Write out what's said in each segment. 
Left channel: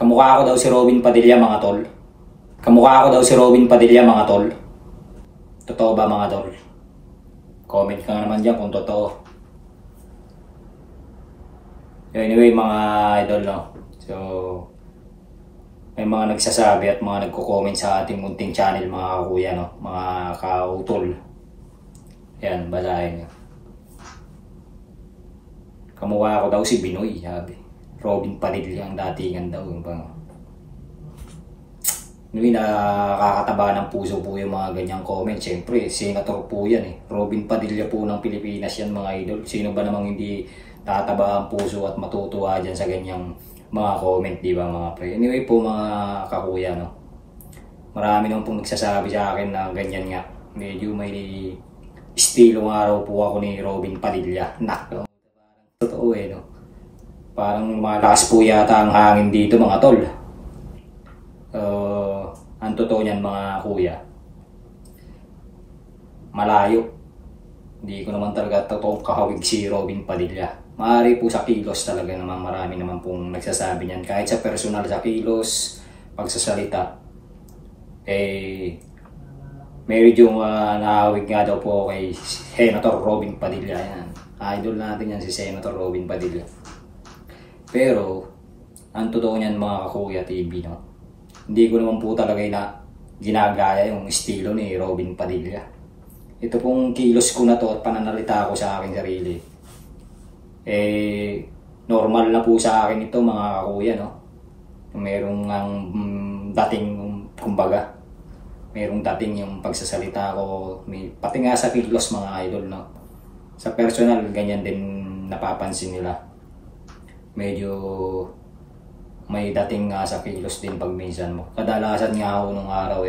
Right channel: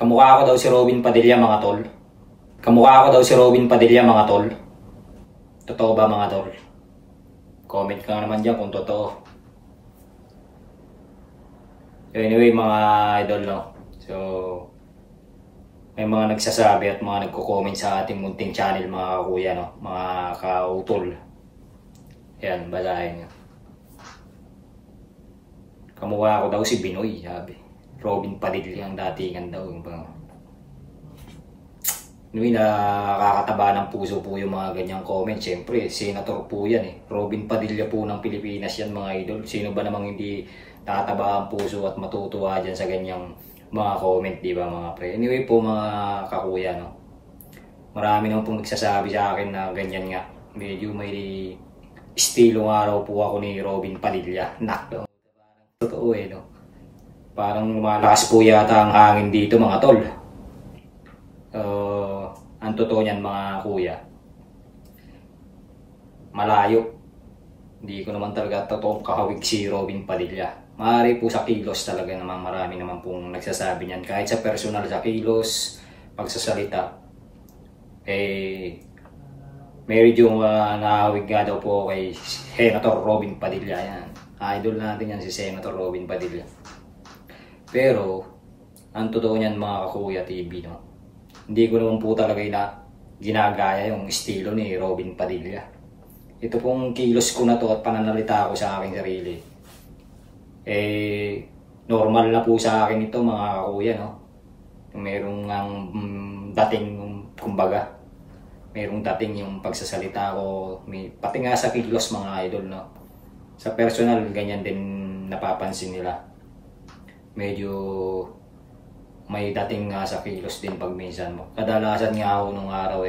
Kamukha ko daw si Robin Padilla mga tol. Kamukha ko daw si Robin Padilla mga tol. Totoo ba mga tol? Comment ka naman dyan kung totoo. Anyway mga idol no. So may mga nagsasabi at mga nagko-comment sa ating munting channel mga kakuya no. Mga kautol. Yan, basahin nyo. Kamukha ko daw si Binoy, sabi. Robin Padilla ang datingan daw. Nakakataba ng puso po yung mga ganyang comment. Siyempre, senator po yan eh. Robin Padilla po ng Pilipinas yan mga idol. Sino ba namang hindi tataba ang puso at matutuwa dyan sa ganyang mga comment, di ba mga pre? Anyway po mga kakuya, no? Marami naman pong nagsasabi sa akin na ganyan nga. Medyo may estilong araw po ako ni Robin Padilla. Nak, totoo eh, no? Parang malakas po yata ang hangin dito mga tol. Ang totoo niyan mga kuya, malayo. Hindi ko naman talaga totoong kahawig si Robin Padilla. Maaari po sa kilos talaga naman, marami naman pong nagsasabi niyan. Kahit sa personal, sa kilos, pagsasalita, medyo nahawig nga daw po kay Senator Robin Padilla. Yan. Idol natin yan si Senator Robin Padilla. Pero, ang totoo niyan mga kakuya TV, no? Hindi ko naman po talaga ginagaya yung estilo ni Robin Padilla. Ito pong kilos ko na to at pananalita ko sa aking sarili. Normal na po sa akin ito mga kakuya, no? Merong dating, kumbaga, merong dating yung pagsasalita ko, pati nga sa kilos mga idol, no? Sa personal, ganyan din napapansin nila. Medyo may dating nga sa kilos din pag minsan mo. Kadalasan nga ako nung araw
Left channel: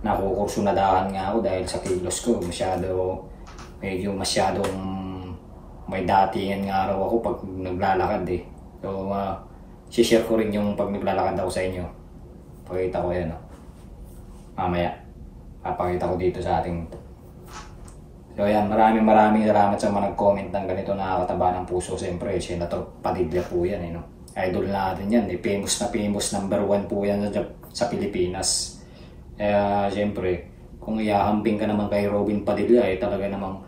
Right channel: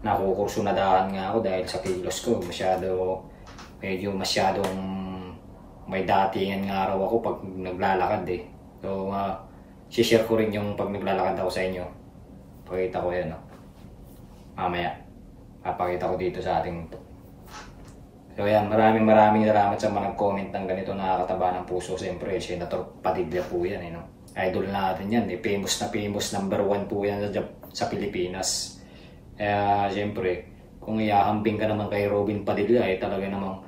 nakukursunadahan nga ako dahil sa kilos ko. Medyo masyadong may datingan nga araw ako pag naglalakad eh. So, share ko rin yung pag naglalakad ako sa inyo. Pakita ko yan, no? Mamaya, papakita ko dito sa ating. So yan, maraming salamat sa mga nag-comment ng ganito, nakakataba ng puso. Siyempre, Senator Padilla po yan eh, no? Idol natin yan eh, famous number 1 po yan sa Pilipinas. Siyempre, kung iahambing ka naman kay Robin Padilla talaga namang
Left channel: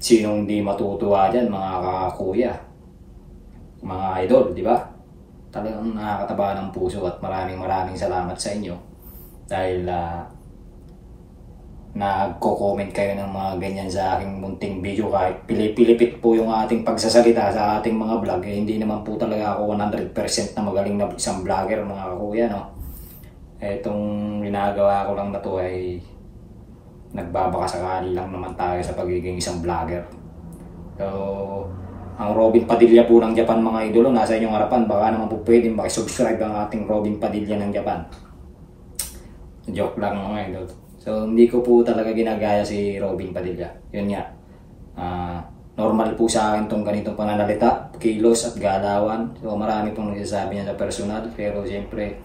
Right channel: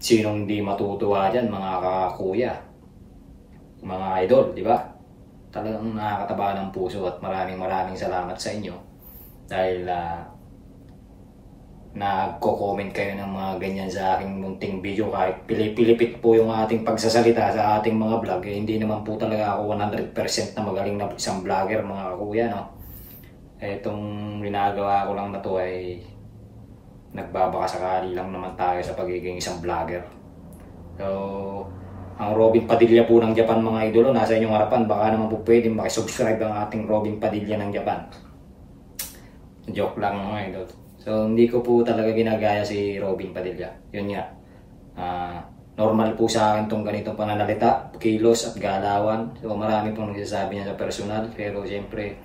sinong hindi matutuwa dyan mga kakuya, mga idol, di ba? Talagang nakakataba ng puso at maraming salamat sa inyo dahil nagko-comment kayo ng mga ganyan sa aking munting video. Kahit pilipit po yung ating pagsasalita sa ating mga vlog, hindi naman po talaga ako 100% na magaling na isang vlogger mga kakuya, no? Itong ginagawa ko lang na to ay nagbabakasakali lang naman tayo sa pagiging isang vlogger. So, ang Robin Padilla po ng Japan mga idolo, nasa inyong harapan. Baka naman po pwede makisubscribe ang ating Robin Padilla ng Japan. Joke lang mga idol. So, hindi ko po talaga ginagaya si Robin Padilla. Yun nga. Normal po sa akin itong ganitong pananalita, kilos at galawan. So, marami pong nagsasabi niya sa personal. Pero, siyempre,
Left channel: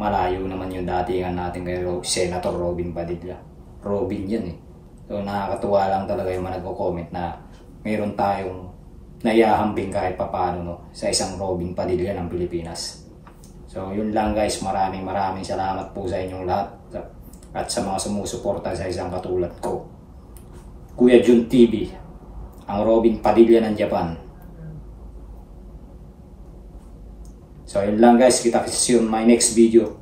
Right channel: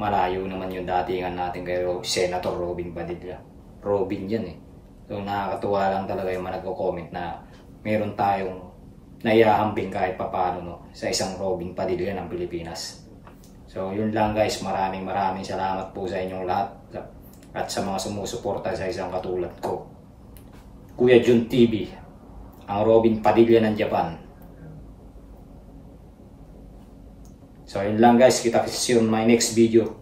malayo naman yung datingan natin kay Senator Robin Padilla. Robin yan eh. So, nakakatuwa lang talaga yung mga nagko-comment na meron tayong naihahambing kahit papano, no, sa isang Robin Padilla ng Pilipinas. So, yun lang guys. Maraming salamat po sa inyong lahat. At sa mga sumusuporta sa isang katulad ko, Kuya Jun TV, ang Robin Padilla ng Japan. So yun lang guys, kita-kits in my next video.